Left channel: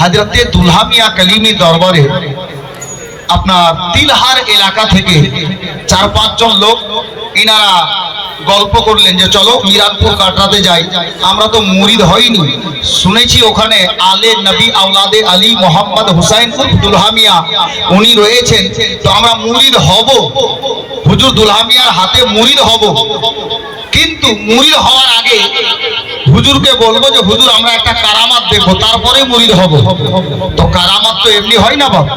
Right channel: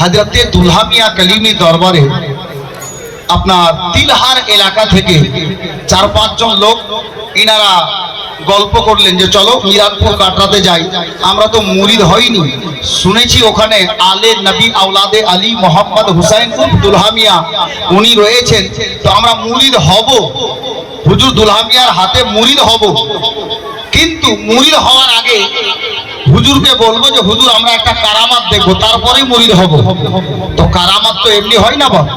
হাজরতে দুলহা মিয়া কালিমি দরবারে আপনার তিলহার এলাকা থেকে 4-5 জন লোক ইনারা গল্প করলেন যে চলো মিরাদপুর কাটরাতে যাই। আমরা তো মুরিদ হইনি, শুনেছি ওখানে আলে নবী আওলাদে আলী মোহাম্মদ হুসাইন দুলহা মিয়া উনি রয়েছেন, তো আমরা মুরিদ হব, হুজুর দুলহা মিয়ার হাতে মুরিদ হব। কিন্তু মুরিদ হওয়ার আগে হুজুরকে বলবো যে হুজুর আমরা একটা কারামাত দেখবো, তারপরে মুরিদ হব। তো কারামাত তো এমনি হয় না বাবা।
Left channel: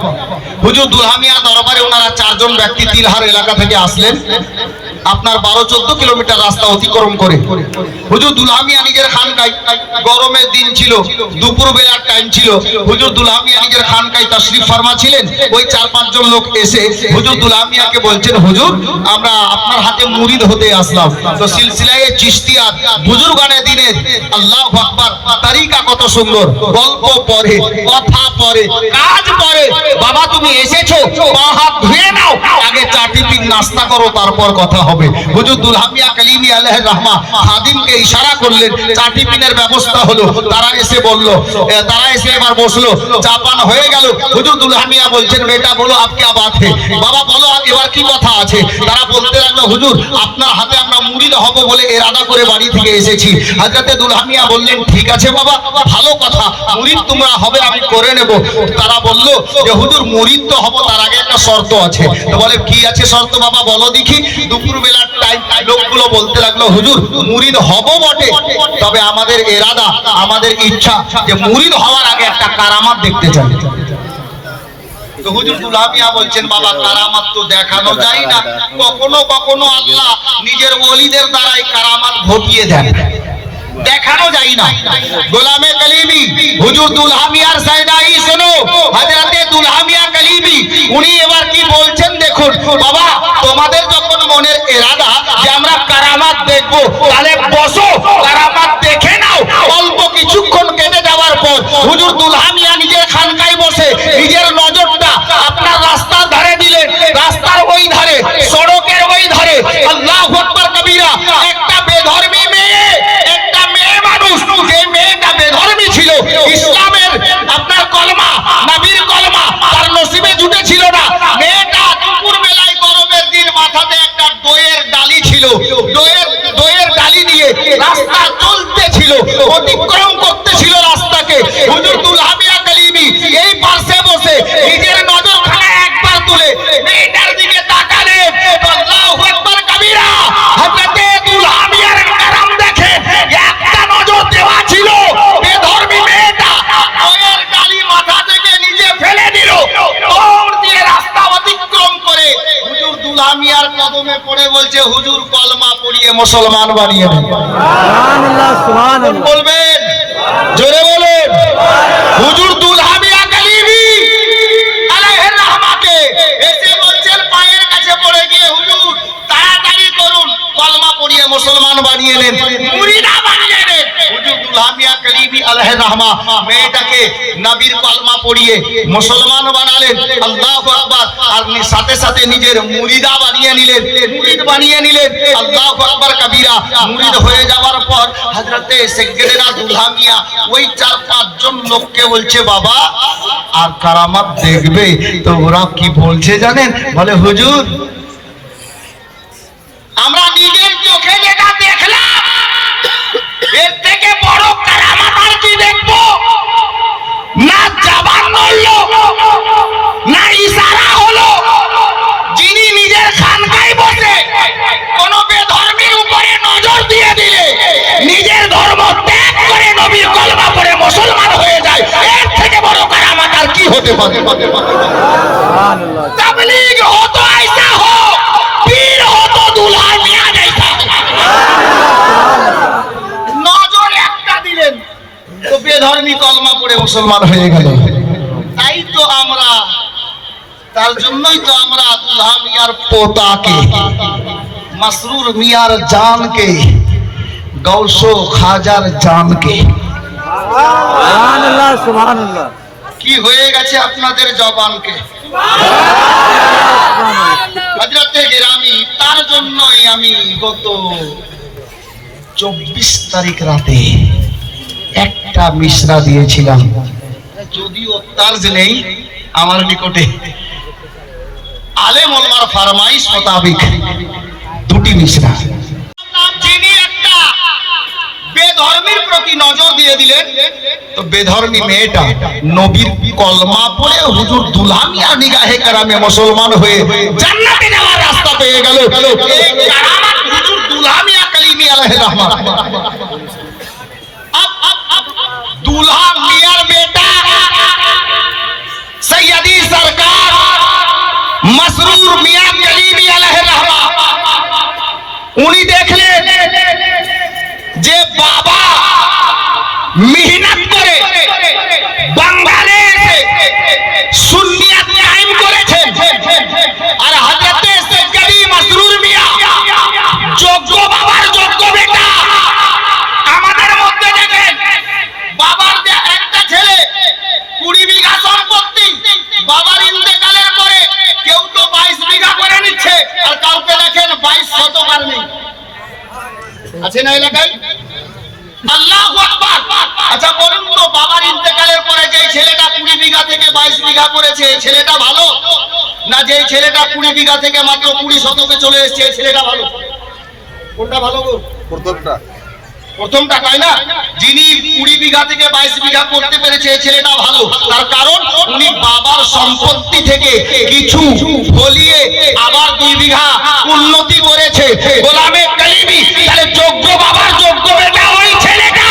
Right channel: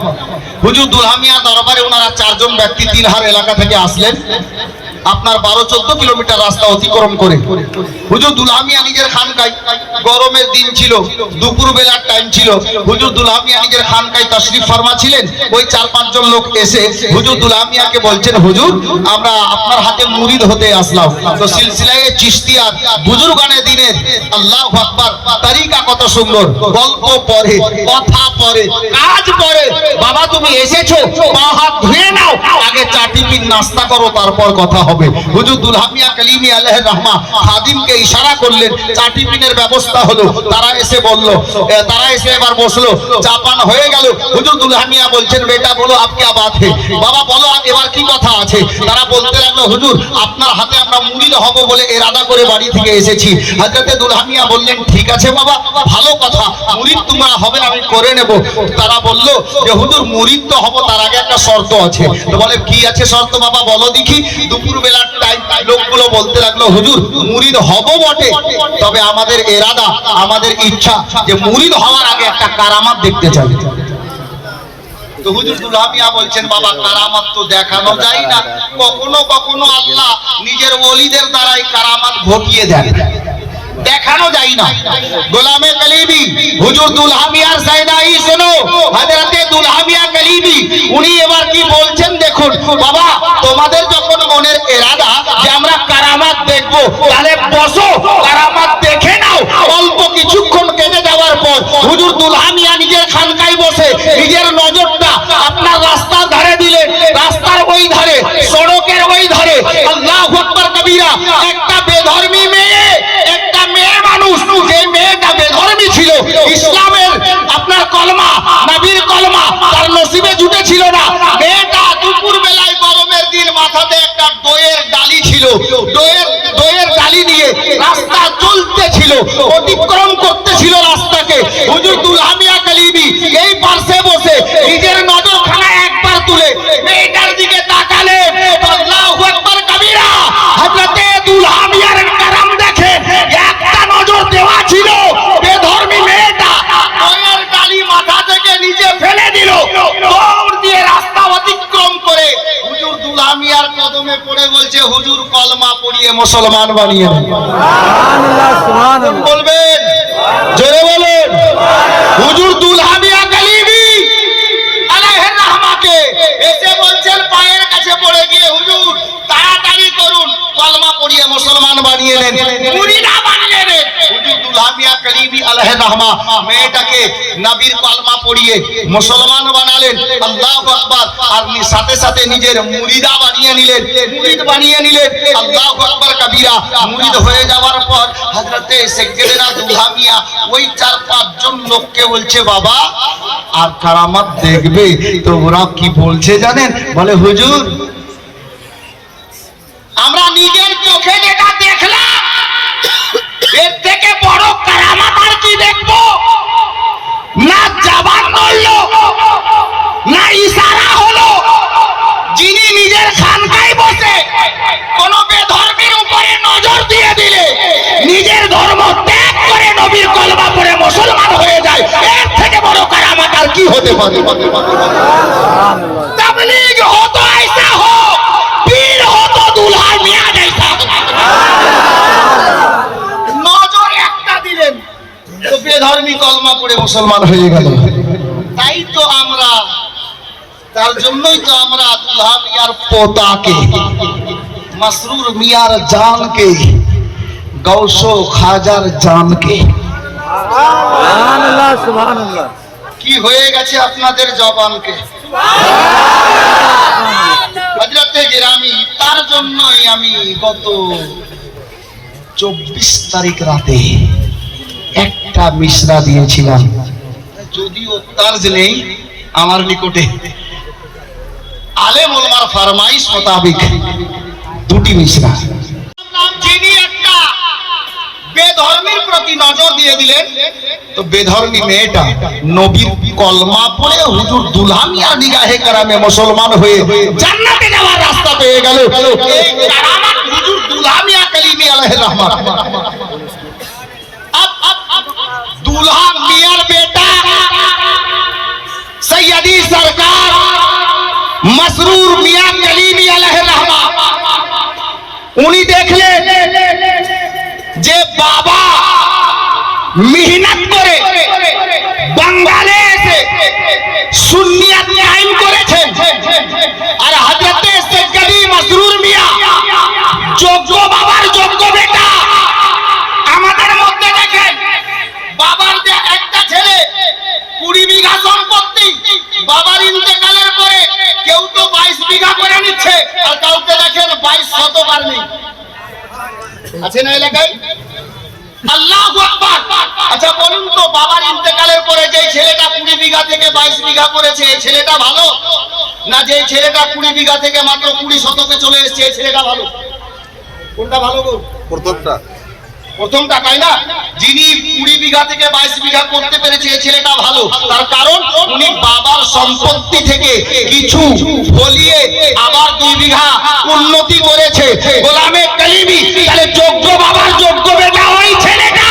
হুজুর দুলহা মিয়া দরবারে ওনারা 4 জন ব্যক্তি তিলহার এলাকা থেকে আসলেন, আপনার 12-14 কিলোমিটার রাস্তা অতিক্রম করে। হুজুর দুলহা মিয়া নিজের খানকায়, গরমের দিন ছিল, দুপুর বেলার টাইম ছিল, হুজুর দুলহা মিয়া নিজের খানকায় তাশরিফ ফরমা ছিলেন। ওই 4-5 জন লোক এসে হুজুর দুলহা মিয়াকে বলছেন, হুজুর আমরা আপনার হাতে মুরিদ হতে আসলাম। তো সিলসিলায়ে চিশতিয়ার বুজুর্গানে দিনের আল্লাহু আকবার তরিকা কত সুন্দর, গল্প পড়ে, কথা পড়ে, কাজ পড়ে। বাবা তুমি এসেছো, হাত ধুয়ে নাও, আগে চা টিফিন নাস্তা করো, তারপর কথা হবে। হুজুর দুলহা মিয়া কালিমি আলাইহির রাহমা খাদিমকে ইশারা করলেন, চা টিফিনের ব্যবস্থা হলো। তারা এসে বলল, তারা এসে এবার বসলো, চা পান হয়ে গেল। হুজুর দুলহা মিয়া বলছেন, বেটা বলো আপ কি বাত है, বাবা বলো এবার কি কথা আছে। তারা বলতে লাগলো, হুজুর আপনার হাতে আমরা মুরিদ হব বলে ইরাদা করে বাড়ি থেকে এসেছি। হযরতে দুলহা মিয়া বললেন, ঠিক আছে বাবা, ভালো কথা, মুরিদ তোমরা হবে, আমি করে নেব। তারা বলল যে হুজুর মুরিদ তো হব, তার আগে একটা শর্ত আছে। তো বলে কি আছে শর্ত বাবা বলো দেখি। দুপুর বেলার টাইম লোকগুলো বলতে লাগলো, হুজুর মুরিদ হব বটে, তবে আমাদের ইরাদা, আমাদের ইচ্ছা যে মুরিদ হওয়ার আগে একটা কারামাত দেখতে চাই। তো হুজুর দুলহা মিয়া বলছেন, বাবা কারামাত তো দেখানো যায় না, কখনো কখনো আল্লাহ নিজের ওলিদের দ্বারাই কারামাত ঘটিয়ে দেন, দেখানো যায় না। গোলামে কালিমি হুজুর দুলহা মিয়ার সাইদাই শোনো, হযরতে দুলহা মিয়া কালিমি উনি এবার কি বলছেন দেখুন। বাবা তোমাদের যখন মনের ইরাদা যে আমরা কারামাত দেখব, তাহলে বসো, কারামাত দেখে নাও। অল্প কিছুক্ষণ কেটে যাওয়ার পর হুজুর দুলহা মিয়া নিজের খানকায় বসে নিজের নজরটা আপনার রাস্তার ধারে দিলেন। রাস্তার ওই ধারে, সড়কের ওই ধারে আল্লাহু আকবার কবীরা একটা বেধর্মী মেয়ে, একটা মেয়ে মানুষ, যে মেয়েটা বেধর্মী ছিল, ইসলামের আপনার কলমা, নবীর কলমা তার নসিবে জুটেছিল না। মেয়েটা দুপুর বেলায় গরমের দিন মাথাতে একটা দইয়ের ডালি ছিল, দইয়ের ডালি নিয়ে রাস্তা চলতে ছিল, অতিক্রম করতে ছিল রাস্তাকে। হুজুর দুলহা মিয়া কালিমি এই পাশে বসে নিজের নজরখানা একবার তুলে মেয়েটার দিকে তাকালেন। আল্লাহু আকবার কবীরা, হযরতে দুলহা মিয়ার কারাম দেখে একটা নজর দেওয়া ছিল, বেধর্মী মেয়েটা দইয়ের ডালি মাথা থেকে নিচে ফেলে দিল, দৌড় দিয়ে রাস্তা অতিক্রম করে হুজুর দুলহা মিয়ার কদমে পড়ে বলছে, হুজুর কলমা পড়িয়ে মুসলমান বানিয়ে দেন। সুবহানাল্লাহ, সুবহানাল্লাহ বলবেন, জোরে বলেন। হুজুর দুলহা মিয়া কালিমি আলাইহির রাহমাকে এসে বলছেন, পায়ের কাছে পড়ে গিয়ে, হুজুর তাড়াতাড়ি করুন, কলমা পড়িয়ে মুসলমান বানিয়ে নেন, মুরিদা বানিয়ে নেন। হুজুর দুলহা মিয়া কালিমি আলাইহির রাহমা মেয়েটাকে নবীর কলমা পড়িয়ে মুসলমান বানালেন। আল্লাহু আকবার। আর সাথে সাথে নিজের মুরিদা বানিয়ে নিলেন, মুরিদ বানিয়ে নিলেন। আল্লাহু আকবার কবীরা। মুরিদ হয়ে যাওয়ার পর হযরতে সেকেন্ডেরা দুলহা মিয়া ওই 4-5 জন লোককে বলছে, বাবা আর কারামাত দেখবে। তো ওরা কি বলছে জানেন, বলে হুজুর আমরা নিজের চোখে যেটা দেখলাম, এর থেকে বড় কারামাত আর কি দেখবো। না জবান নড়লো, না ইশারা হলো, যিনি নিজের খানকায় বসে কোন বেধর্মীর উপরে নজর দিয়ে দিলে নিজের ধর্ম ত্যাগ করে নবীর কলমা পড়ে মুসলমান হয়ে যায়, এর থেকে বড় কারামাত আর কি হতে পারে। তাবলীগ হো তো ऐसा हो, পীর হো তো দুলহা মিয়া जैसा। নজর একটা দিলেন তো বেধর্মী কলমা পড়ে মুসলমান হয়ে গেল। তাই তো আমরা, তার জন্যই তো আমরা দুলহা মিয়ার পোতাকে, মাসরুর মিয়ার জানকে, গৌসো খাজার জানকে, সুবহানাল্লাহ সুবহানাল্লাহ, কি হয়ে গেছে আপনাদের জবানকে, হযরতে গিরামি। তার জন্যই আমি গত 24 তারিখ রাতে একটা মিশরা দিয়েছিলাম, যদিও তার্জ নেই আমার নিকটে, আলেম ওলামার ফরমাইশ মোতাবিক দুটি মিশরা। যিনি একটা বেধর্মীর প্রতি নজর দিয়ে দিলেন, তো বেধর্মী মেয়েটা নবীর কলমা পড়ে হুজুর দুলহানিয়া নিগাহে কারামে মুসলমান হয়ে জান্নাতে যাওয়ার রাস্তা পেয়ে গেল। এই কারামাত হুজুর দুলহানিয়া কালিমি আলাইহির রহমাত। দুলহা মিয়ার বেটা সৈয়দি সরকার মসরুর মিয়া কালিমি আলাইহির রহমাত, উনি দেখলেন যে বাবা মেহনত করে বাঙালি এসে সুন্নিয়ত কায়েম করেছেন, আর হযরতে সৈয়দি মসরুর মিয়া যোগ্য বাবার যোগ্য বেটা। আমাদের মধ্যে দেখেন বাবার যে একটা ছেলে 20 বিঘা সম্পত্তি, বাবার ইন্তেকালের পরে কেউ তো 22 বিঘা করে নিচ্ছে, আর কাউকে দেখেন 22 শতক আর নেই, আছে না এলাকায়? আল্লাহু আকবার। আচ্ছা বলুন তো, বাবার ইন্তেকালের পরে যে ছেলেটা 20 বিঘা থেকে 22 বিঘা করেছে, এই ছেলেটা ভালো না যে ছেলেটা 20 বিঘা থেকে মাত্র 20 শতকে চলে এসেছে, এই ছেলেটা ভালো? কোনটা ভালো গো? প্রথমটা, তাই না? যিনি 20 বিঘা থেকে 22 বিঘা করতে পেরেছে, এই ছেলেটা ভালো। তার কারণ উনি বাবার সম্পত্তি থেকে কিছু ফলিয়ে আবার 2 বিঘা উন্নতি করেছে। গোলামে কালিমি তাহলে যোগ্য বাবার যোগ্য বেটা ওই ছেলেটা,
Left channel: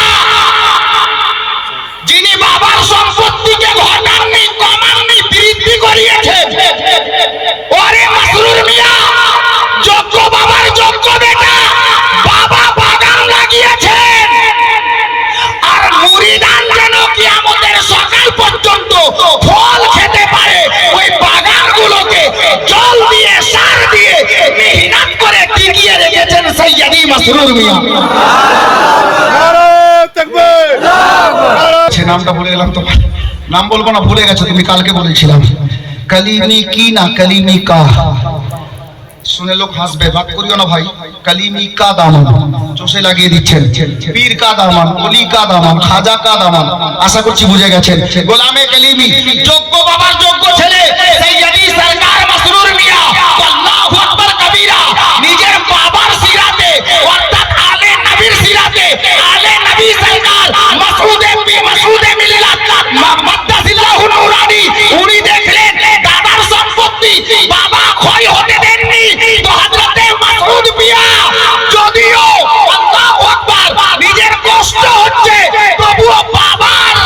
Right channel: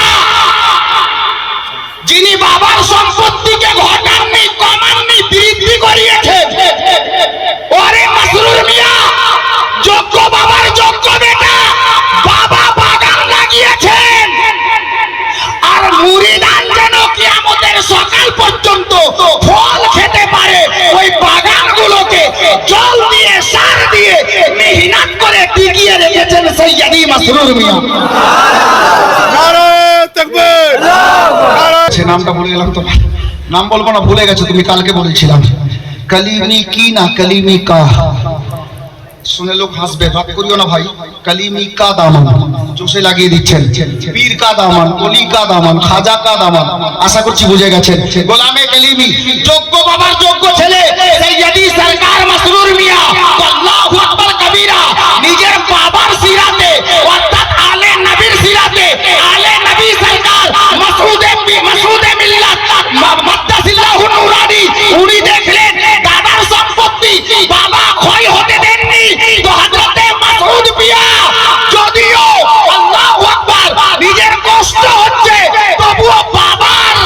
যিনি বাবার সম্পত্তিকে ঘটাননি, কমাননি, বৃদ্ধি করিয়েছে। ওরে মসরুর মিয়া যোগ্য বাবার যোগ্য বেটা, বাবা বাগান লাগিয়েছেন, আর মুরিদান যেন কিয়ামতের সকাল পর্যন্ত ফল খেতে পারে, ওই বাগানগুলোকে জল দিয়ে সার দিয়ে মেহনত করে টিকিয়ে রেখেছেন সৈয়দি মসরুর মিয়া। নামটা ভুলে গেলাম, তো নাম বলবো না, ভুলে গেছো তুমি, কালকে বলেছিলাম। কালিমি কি না কালিমি কা, শুনে লোক হাসবে, ভাগ করিও না ভাই। কালিমি কা দামান চোষে লাগিয়ে দিচ্ছেন, পীর কা দামান, অলি কা দামান, খাজা কা দামান, আশা করছি বুঝে গেছেন। গোলামে কালিমি যোগ্য বাবার যোগ্য ছেলে সৈয়দি সরকার মসরুর মিয়া আল্লাহু আকবার কবীরা নিজের বাবার সিরাতে অর্থাৎ আলে নবীর সিরাতে আলে নবী সরকার মাসউদে মিল্লাত মাদ্দাসিল্লাহু নূরানি, উনি দেখলেন দাদার সম্পত্তি বাবা ক্ষয় হতে দেননি, তো হযরতে মাসউদ মিয়া যদিও আল্লাহু আকবার নিজের কষ্ট হচ্ছে, তবুও বাবার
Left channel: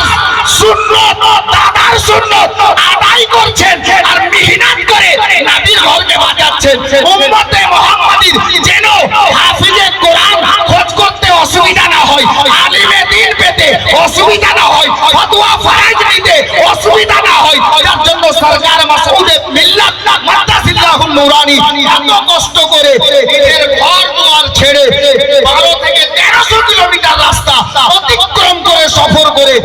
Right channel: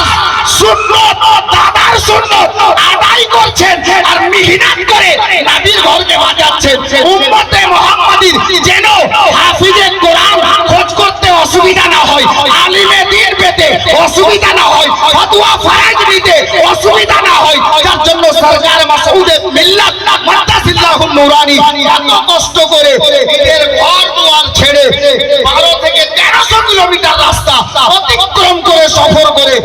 সুন্নত দাদার সুন্নত আদায় করছেন, আর মেহনত করে নবীর ঘরকে বাঁচাচ্ছেন। উম্মতে মুহাম্মাদীর যেন হাফিজে কোরআন খোঁজ করতে অসুবিধা না হয়, আলিমে দ্বীন পেতে অসুবিধা না হয়, ফতোয়া ফরজ নিতে অসুবিধা না হয়, যার জন্য সরকার মাসউদে মিল্লাত মাদ্দাসিল্লাহু নূরানি এত কষ্ট করে নিজের ঘর দুয়ার ছেড়ে 12 থেকে 1300 কিলোমিটার রাস্তা অতিক্রম করে সফর করে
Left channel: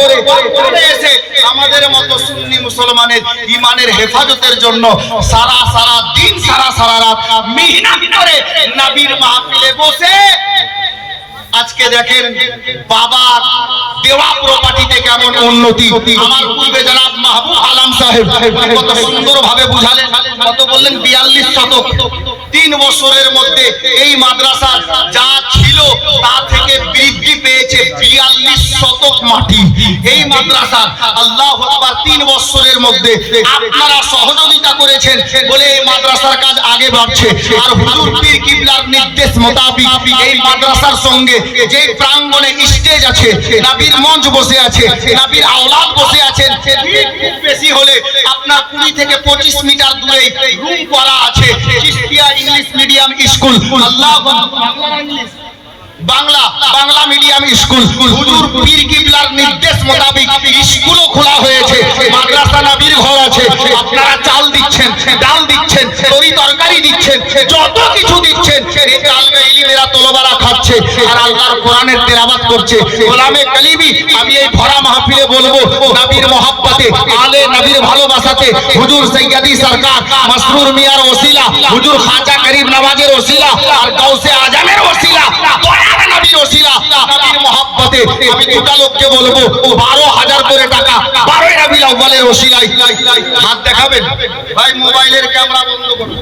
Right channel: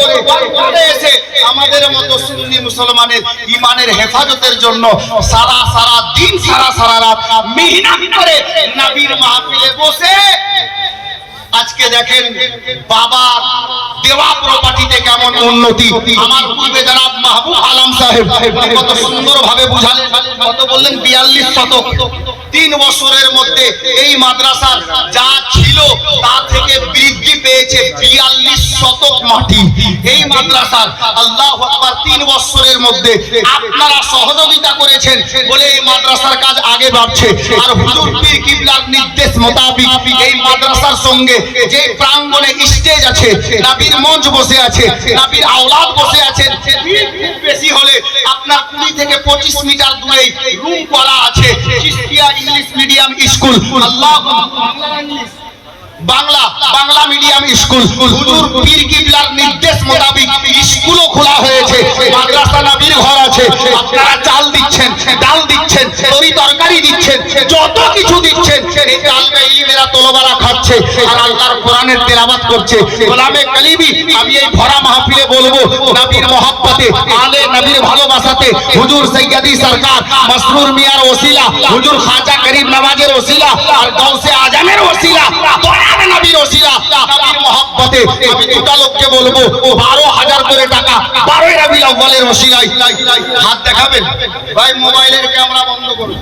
এসে আমাদের মতো সুন্নি মুসলমানের ঈমানের হেফাজতের জন্য সারা দিন সারা রাত মেহনত করে নবীর মাহফিলে বসে আজকে দেখেন বাবার দেওয়া প্রপার্টিতে কেমন উন্নতি। আমার পূর্বে জনাব মাহবুব আলম সাহেব কত সুন্দর ভাবে বুঝালেন, কত বললেন 42 শতক। 3 বছরের মধ্যে এই মাদ্রাসার যা ছিল তা থেকে বৃদ্ধি পেয়েছে 42 শতক মাটি এই মাদ্রাসার। আল্লাহু আকবার। 3 বছরের মধ্যে আপনারা সহযোগিতা করেছেন বলে এই মাদ্রাসার কাজ আগে বাড়ছে। আর হুজুর পীর কিবলার নির্দেশ মোতাবেক এই মাদ্রাসার সঙ্গে যে প্রাঙ্গণে স্টেজ আছে, নবীর মঞ্চ বসে আছে, নবীর আওলাদ বসে আছেন, খুব বেশি হলে আপনার 20 থেকে 25 মিটার দূরে রুম করা আছে চিশতিয়া ইংলিশ মিডিয়াম স্কুল। আল্লাহু বাংলা মিডিয়াম স্কুল। হুজুর পীর কিবলার নির্দেশ মোতাবেক স্কুলও খোলা হয়েছে, মাদ্রাসা নবীর ঘর আছে। আপনারা চাল দিচ্ছেন, ডাল দিচ্ছেন, তরি তরকারি দিচ্ছেন, যত কিছু দিচ্ছেন, এই তালবে ইলমেরা তলবারা খাচ্ছে আর আল্লাহর কোরআনের তেলাওয়াত করছে। গোলামে কালিমি আমি এই ভরা মাহফিলে বলবো, নবীর মহব্বতে আলে নবীর ভালোবাসাতে হুজুর সৈয়দি সরকার মসরুর মিয়ার ওসিলা, হুজুর খাজা গরিব নওয়াজের ওসিলা আর গাউসে আজমের ওসিলা, নবীর ওসিলা, নবীর মহব্বত মারফতে আমি দুটা লোককে বলবো 12,000 করে টাকা 12 রবিউল আউয়ালের ওসিলায় হাত দেখাবেন। ভাই মোবাইলের ক্যামেরা বন্ধ করুন।